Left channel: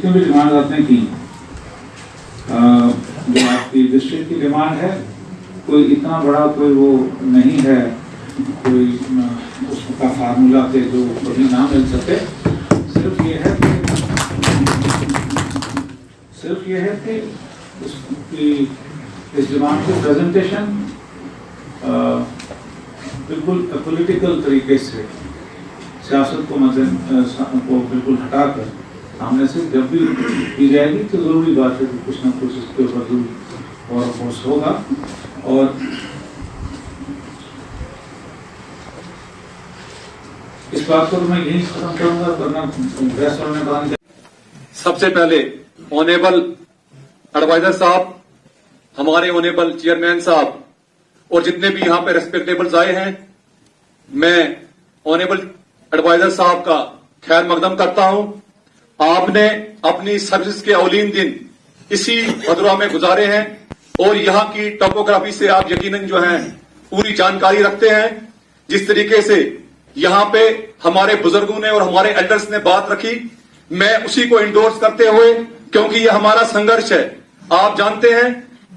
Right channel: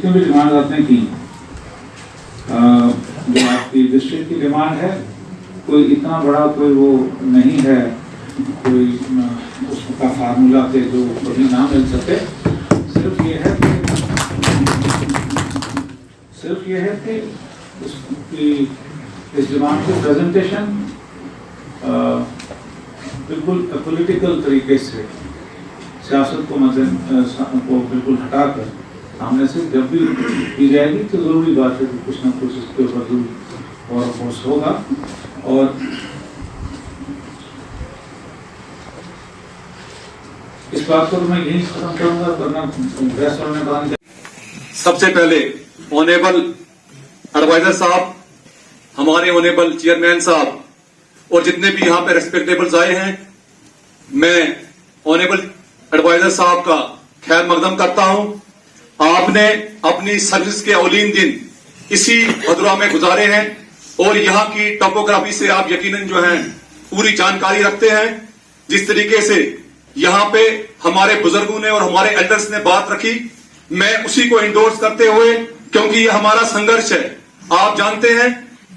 जितने भी डिमांड आपने की, जो आपकी डिस्ट्रिक्ट की डिमांड है, कोई इतना बड़ा कोई वो नहीं है, कोई उसका फार्मूला के जो कभी ना मिल सके। सिर्फ ये है कि इस डिमांड की प्रेजेंटेशन बिल्कुल पॉलिटिकल तरीके से सियासत को बिल्कुल हटाकर सामने से जब भी की जाएगी तो जरूरी बात है कि कुछ ना कुछ इसके ऊपर जरूर और फोर्स होगा। और इस बात को मैं यही खत्म करूंगा, वरना बहस करने का। सबसे पहले ऑनेबल एडवाइजर साहब, हमारे ऑनेबल चेयरमैन साहब और जितने भी यहाँ पे रेस्पेक्टेबल्स आए हैं, मैं ऑनेबल एडवाइजर साहब का खैर मकदम करता हूं। आपने अपनी सर्विस के औलीन दिन इसी भदरवा में गुजारे हैं और यहाँ की टोपोग्राफी से आप यकीनन जो है पूरी जानकारी रखते हैं। जिस तरीके से यहाँ पे हमारे बुजुर्गों ने और हमारे एल्डर्स ने बात रखी, मैं उसी को इंडोर्स करते हुए, क्योंकि ये हमारा संघर्ष है। आप जानते हैं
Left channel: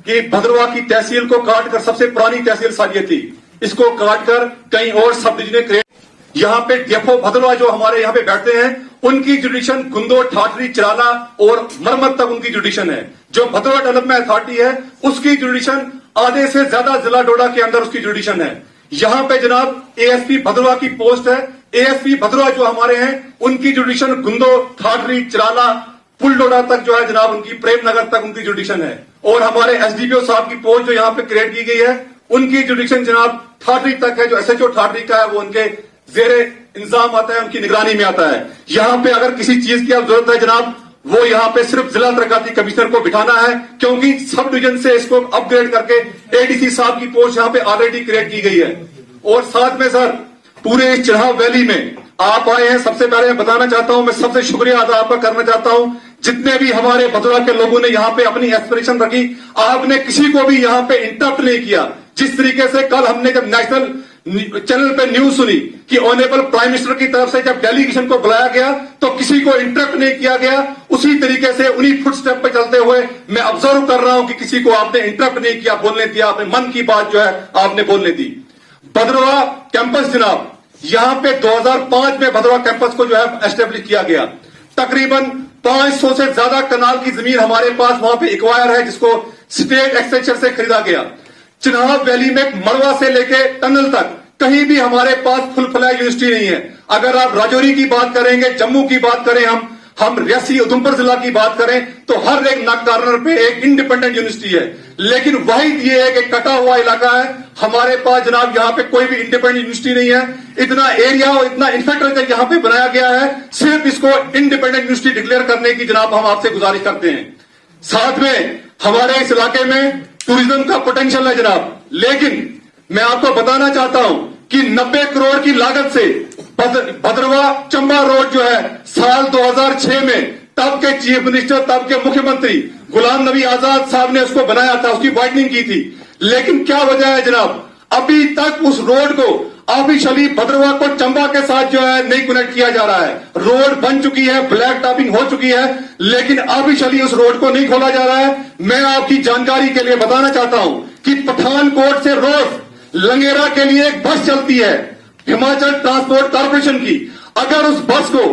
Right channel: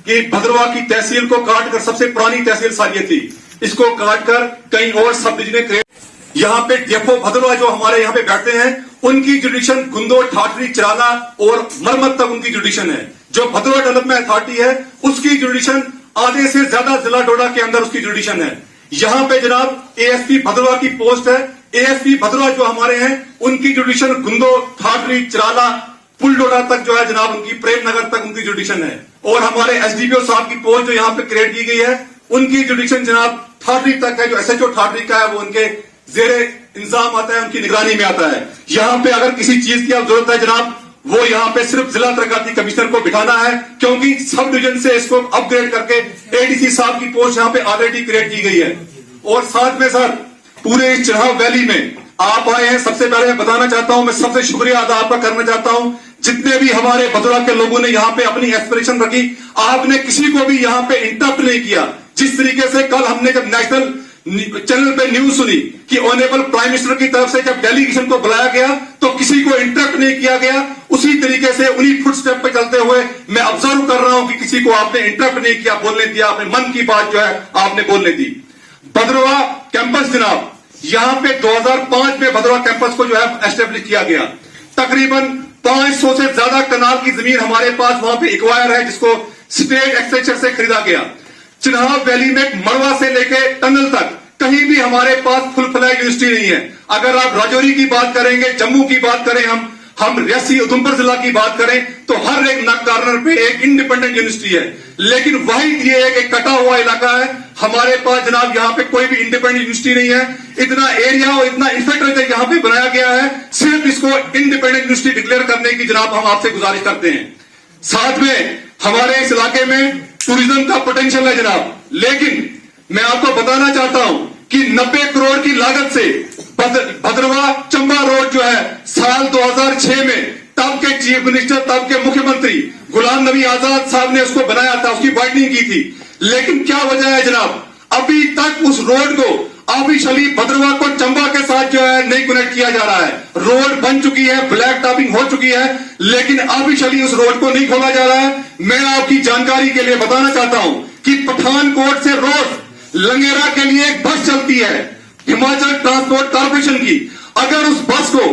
कि भदरवा की तहसील को काटकर, सबसे पुरानी तहसील सारी थी, इसको काटकर कहीं और सब डिवीजन क्रिएट। यहाँ पे देखो भदरवा जो हमारे यहाँ पे बैठते हैं, उनकी जुडिशन गुंदो, ठाठरी, चिराला और मरमत तक उनकी जुडिशन है। जो भदरवा डेवलपमेंट अथॉरिटी है उसकी जुडिशन आधे से ज्यादा जिला डोडा के अंदर उसकी जुडिशन है। यहाँ पे जनाब एएसपी भदरवा की पोस्ट है। एएसपी भदरवा जो हमारे हैं उनकी जुडिशन गुंदो, ठाठरी, चिराला, पुलडोडा तक जो है जनाब उनकी, प्रेमनगर तक उनकी जुडिशन है। और हमारे एसडीपीओ साहब की पोस्ट जो यहाँ पे क्रिएट की गई है उनकी जुडिशन जनाब ठाठरी तक है। जो एसएचओ ठाठरी का है वो उनके जेरे इंतजाम आता है, उनकी निगरानी में आता है। यहाँ पे अगर किसी चीज की जरूरत है जनाब, वो यहाँ पे सिर्फ जिला तरक्याती कमिश्नर को बिठाना है, क्योंकि सब डिवीजन से इसको अपग्रेड करके एडीसी साहब की पोस्ट यहाँ पे ऑलरेडी क्रिएट की गई है। और साथ में सर पूरे इस चिन्हाव वैली में आप आए हैं, सबसे पहले मैं बताना चाहता हूं, मैं सबसे शुक्रिया अदा आपका करना चाहता हूं। जितने भी हमारे भदरवा के लोगों ने यहाँ पे अपनी एस्पिरेशन रखी, आपने किसी को भी यहाँ पे इंटरप्ट नहीं किया। जिस तरीके से कल हमने जब नेशनल चैनल पे न्यूज सुनी कि ऑनरेबल प्राइम मिनिस्टर की तरफ से जब डेलीगेशन को बुलाया गया तो किसी को इंटरप्ट नहीं किया गया, उसी तरीके से उन्हीं फुटस्टेप पे चलते हुए मैं ऑब्जर्व कर रहा हूं कि किसी को आपने इंटरप्ट नहीं किया, बोलने दिया, अपने मन की बात जो है आपने बोलने दी। भदरवा कैंपस जनाब, यहाँ पे 2005 में भदरवा कैंपस को जो है एस्टेब्लिश किया गया। तकरीबन 500 से ज्यादा कनाल की जमीन हमारे पास वहां पे एक्वायर है, जिसको स्टेट एक्सचेंजर से खरीदा गया। चिन्हाव वैली में मड़वा से लेके टनल तक कहीं भी हमारे पास फुल फ्लैग यूनिवर्सिटी नहीं है। अगर आप राजौरी की बात करेंगे, जम्मू की बात करें, हम रियासी उधमपुर जिला की बात करें, तो हर एक नक कार्नर पे एक इंडिपेंडेंट यूनिवर्सिटी है। लेकिन वही ये एक कटा हुआ इलाका है, हमारे पास जनाब यहाँ पे कोई भी इंडिपेंडेंट यूनिवर्सिटी नहीं है। इतना एरिया और इतना इंफ्रास्ट्रक्चर यहाँ पे बनाया गया है, सिर्फ इसको इंडिपेंडेंट यूनिवर्सिटी डिक्लेयर करने की जनाब हम आपसे गुजारिश करते हैं। साथ में हमारे इस इलाके में टूरिज्म का पोटेंशियल है जनाब, लेकिन मैं आपको बताना चाहता हूं कि 90 करोड़ की लागत से भदरवा चंबा रोड जो है साल 2006 में तब के चीफ मिनिस्टर, तब के मुख्यमंत्री गुलाम नबी आजाद साहब ने उसको बनाया था, उसकी वाइडनिंग की थी। लेकिन क्या वजह है जनाब, अभी तक उस रोड को ऑफिशियली भदरवा को चंबा के साथ जो है नहीं कनेक्ट किया जा रहा है। रोड बन चुकी है, ब्लैक टॉपिंग हो चुकी है, लेकिन ऑफिशियली उस रोड को नहीं खोला जा रहा है। मैं आपकी जानकारी के लिए बताना चाहता हूं कि पठानकोट से रोज लंगेरा के लिए एक बस चलती है हिमाचल ट्रांसपोर्ट कॉर्पोरेशन की। अगर उस बस को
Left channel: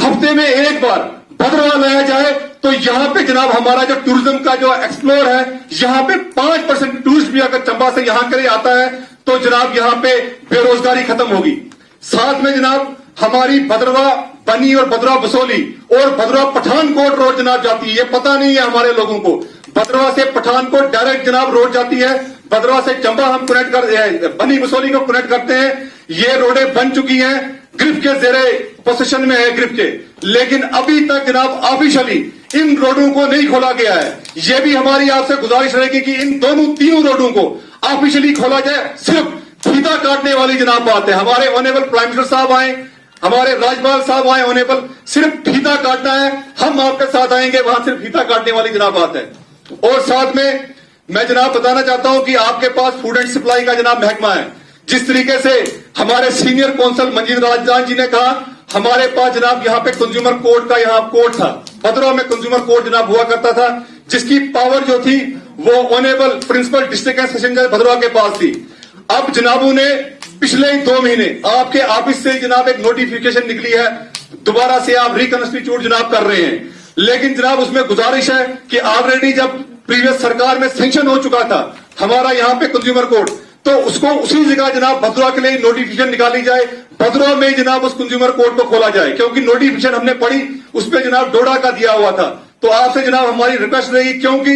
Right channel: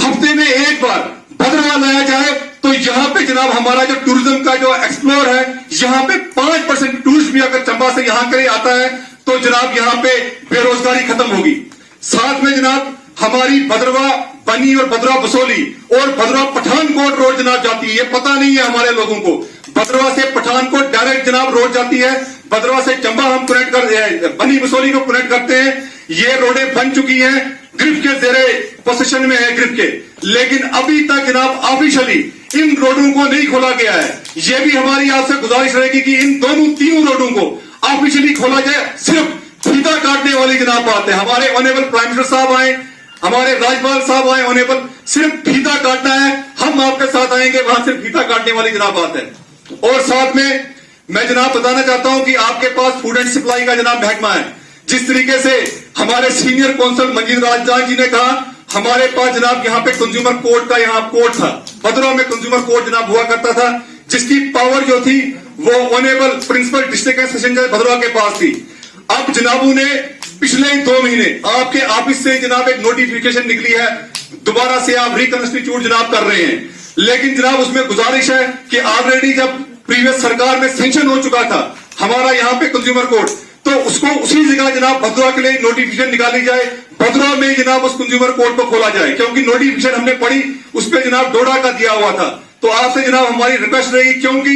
हफ्ते में एक बार भदरवा लाया जाए तो यहाँ पे जनाब हमारा जो टूरिज्म का जो एक्सप्लोर है, यहाँ पे 5% टूरिस्ट भी अगर चंबा से यहाँ के लिए आता है तो जनाब यहाँ पे बेरोजगारी खत्म होगी। साथ में जनाब हमारी भदरवा बनी और भदरवा बसोली और भदरवा पठानकोट रोड जनाब जाती है, ये पता नहीं है हमारे लोगों को। भदरवा से पठानकोट डायरेक्ट जनाब रोड जाती है, भदरवा से चंबा हम कनेक्ट कर, बनी बसोली को कनेक्ट करते हैं। ये रोडें बन चुकी हैं, ग्रिप के जेरे पोजीशन में है ग्रिप के, लेकिन अभी तक जनाब ऑफिशियली इन रोडों को नहीं खोला गया है। ये भी हमारी आपसे गुजारिश रहेगी कि इन तीनों रोडों को ऑफिशियली खोला जाए। सिर्फ फीता काटने वाली जनाब बात है, हमारे ऑनरेबल प्राइम मिनिस्टर साहब आए, हमारे राज्यपाल साहब आए, ऑनरेबल सिर्फ फीता काटना है, हम आपके साथ आएंगे, वहां से फीता काटने वाली जनाब बात है। और साथ में मैं जनाब बताना चाहता हूं कि आपके पास फूड एंड सप्लाई का जनाब महकमा है। जिस तरीके से हमारे सीनियर कौंसल मंजीर राजदान जी ने कहा, हमारे पास जनाब यहाँ पे कंज्यूमर कोर्ट का यहाँ कोर्ट था, भद्रवाह में कंज्यूमर कोर्ट जनाब हुआ करता था, जिसकी पावर जो थी वो honourable principal district and session जज भद्रवाह के पास थी। अब जनाबों ने पिछले 2 महीने आपके ऑफिस से जनाब एक नोटिफिकेशन निकली है, दोबारा से आप रिकंस्टिट्यूट जनाब कर रहे हैं, लेकिन जनाब उसमें गुजारिश है कि ऑलरेडी जब प्रीवियस सरकार में सेंक्शन हो चुका था हमारा यहाँ पे कंज्यूमर कोर्ट, तो उसको उसी जगह जनाब भद्रवाह के लिए नोटिफिकेशन निकाली जाए, भद्रवाह में जनाब उस कंज्यूमर कोर्ट को खोला जाए, क्योंकि नोटिफिकेशन हमने पढ़ी उस पर जनाब डोडा का दिया हुआ था। तो आपसे जनाब हमारी रिक्वेस्ट रहेगी, क्योंकि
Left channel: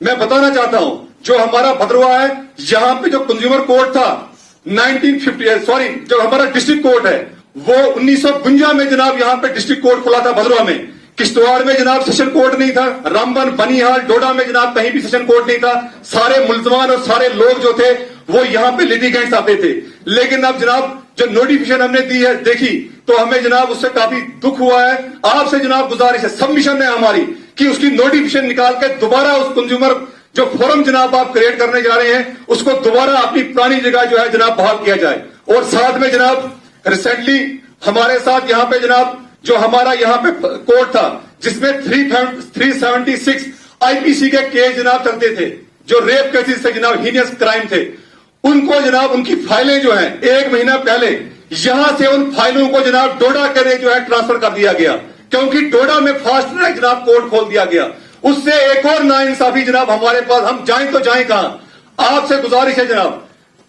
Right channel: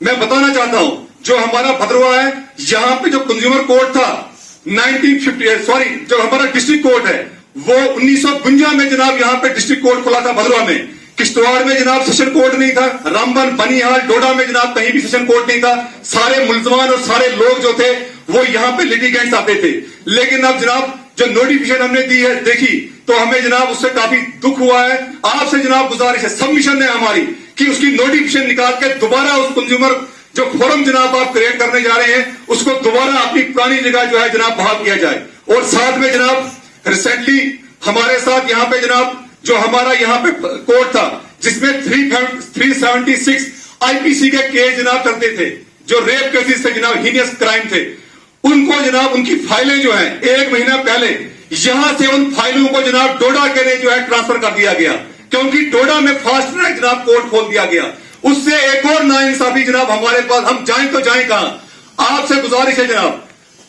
मैं बताना चाहता हूं जो हमारा भद्रवाह है, यहाँ पे जो कंज्यूमर कोर्ट था 1950 जो हमारा डिस्ट्रिक्ट कोर्ट है वो 1952 में जनाब यहाँ पे डिस्ट्रिक्ट कोर्ट खुला था भद्रवाह में। किश्तवाड़ में जनाब सेशन कोर्ट नहीं था, रामबन, बनिहाल, डोडा में जनाब कहीं भी सेशन कोर्ट नहीं था। सारे मुलजमान और सारे लोग जो थे वो यहाँ पे लिटिगेंट्स आते थे, लेकिन अब जनाब जो नोटिफिकेशन हमने दी है देखी तो हमें जनाब उससे काफी दुख हुआ है। आपसे जनाब गुजारिश है, सबमिशन है हमारी कि उसकी नोटिफिकेशन निकाल के दोबारा उस कंज्यूमर जो फोरम जनाब आप क्रिएट करने जा रहे हैं उसको दोबारा अपनी पुरानी जगह जो है जनाब बहाल किया जाए। और साथ में जनाब रिसेंटली हमारे साथ यहाँ पे जनाब जो हमारा यहाँ पे कोर्ट था जिसमें 376 आईपीसी के केस जनाब चलते थे, जो रेप केसेस थे जनाब, हीनियस क्राइम थे, उनको जनाब उनकी फाइलें जो है 1 महीना पहले यहां से उन फाइलों को जनाब डोडा के लिए जो है ट्रांसफर कर दिया गया, क्योंकि डोडा में फास्ट ट्रैक जनाब कोर्ट खोल दिया गया। उससे एक और नाइंसाफी जनाब हमारे पास, हम जाएं तो जाएं कहां। आपसे गुजारिश है जनाब,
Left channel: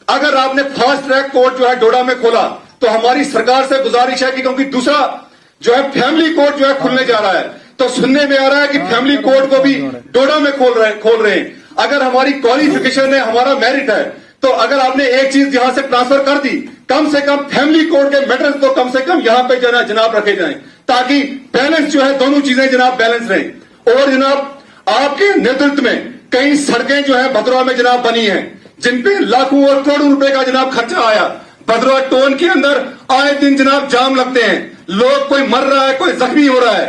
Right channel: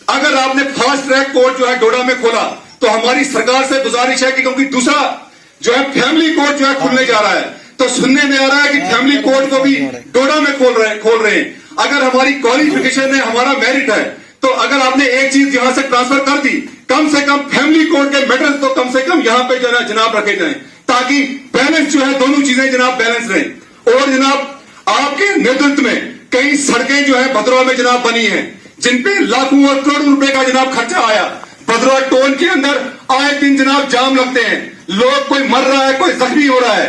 अगर आपने फास्ट ट्रैक कोर्ट जो है डोडा में खोला तो हमारी सरकार से गुजारिश है कि क्योंकि दूसरा जो है फैमिली कोर्ट जो है खुलने जा रहा है, तो सुनने में आ रहा है कि फैमिली कोर्ट को भी डोडा में खोल रहे हैं। अगर हमारी क्वालिफिकेशन है, हमारा मेरिट है, तो अगर आपने एक चीज यहां से ट्रांसफर कर दी, कम से कम फैमिली कोर्ट के मैटर्स तो कम से कम यहां पे जनाब रखे जाएं, ताकि बैलेंस जो है दोनों चीजें जनाब बैलेंस रहे। और जनाब आपके नेतृत्व में कई सड़कें जो है भद्रवाह में जनाब बनी है, जिनपे लाखों और करोड़ों रुपए का जनाब खर्चा आया। भद्रवाह टोन के अंदर आए दिन जनाब जाम लगते हैं, लोग कोई मर रहा है, कोई जख्मी हो रहा है,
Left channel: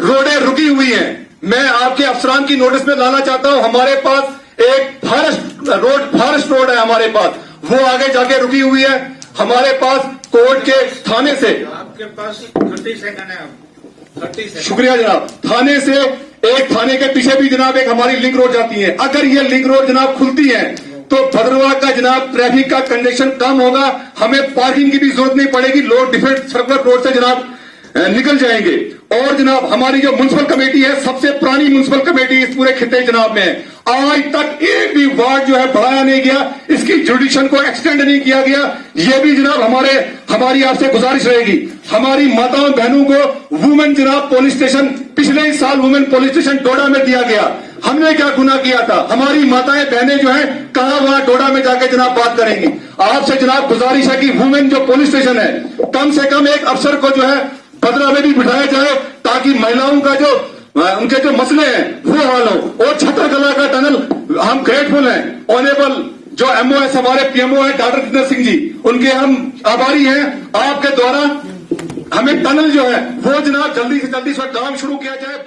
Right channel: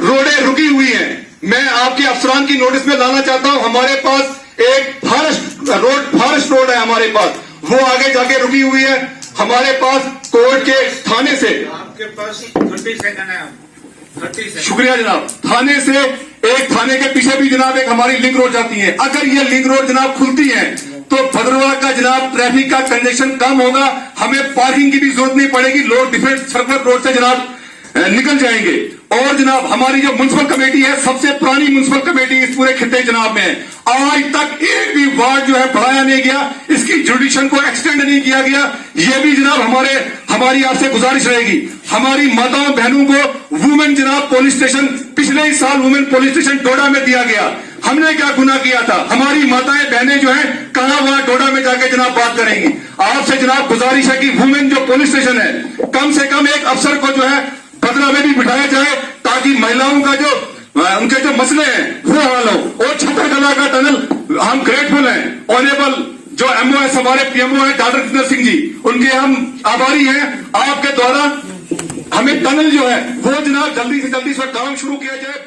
रोडें रुकी हुई हैं। मैं आपके अफसरान की नोटिस में लाना चाहता हूं, हमारे पास एक फॉरेस्ट रोड है हमारे पास, वो आगे जाके रुकी हुई है। हमारे पास कोर्ट के थाने से, आपके पास 30 सेकंड है, 30 सेकंड। शुक्रिया जनाब, थाने से एक थाने के पीछे भी जनाब एक हमारी लिंक रोड जाती है। अगर ये लिंक रोड जनाब खुलती है तो भद्रवाह का जनाब ट्रैफिक का कंजेशन कम होगा, हमें पार्किंग की भी जरूरत नहीं पड़ेगी, लोग डिफेंस सर्कल रोड से जनाब निकल जाएंगे। और जनाब हमारी जो म्युनिसिपल कमेटी है, सबसे पुरानी म्युनिसिपल कमेटी इस पूरे खिते जनाब में है, आज तक एक भी वार्ड जो है बढ़ाया नहीं गया, इसकी जुडिशन को एक्सटेंड नहीं किया गया। ये भी जनाब हमारी आपसे गुजारिश रहेगी। हमारी माताओं बहनों को वुमेन जनाब पुलिस स्टेशन, पिछले ही साल वुमेन पुलिस स्टेशन डोडा में दिया गया। हमने क्या गुनाह किया था? हमारी माताएं बहनें जो है कहां वहां डोडा में जाके जनाब बात करेंगी। आपसे जनाब गुजारिश है कि वुमेन जो पुलिस स्टेशन है, कम से कम एक अफसर को जो है भद्रवाह में भी बिठाया जाए, ताकि महिलाओं का जो उनके जो मसले हैं वो हल हो। और छतरकला का टनल हम ग्रेटफुल हैं, ऑनरेबल जो एमओ है, हमारे पीएमओ है डॉक्टर जितेंद्र सिंह जी, उनके हम आभारी हैं। आपके द्वारा हमें टनल जो है वो जनाब जल्दी से जल्दी काम शुरू किया जाए।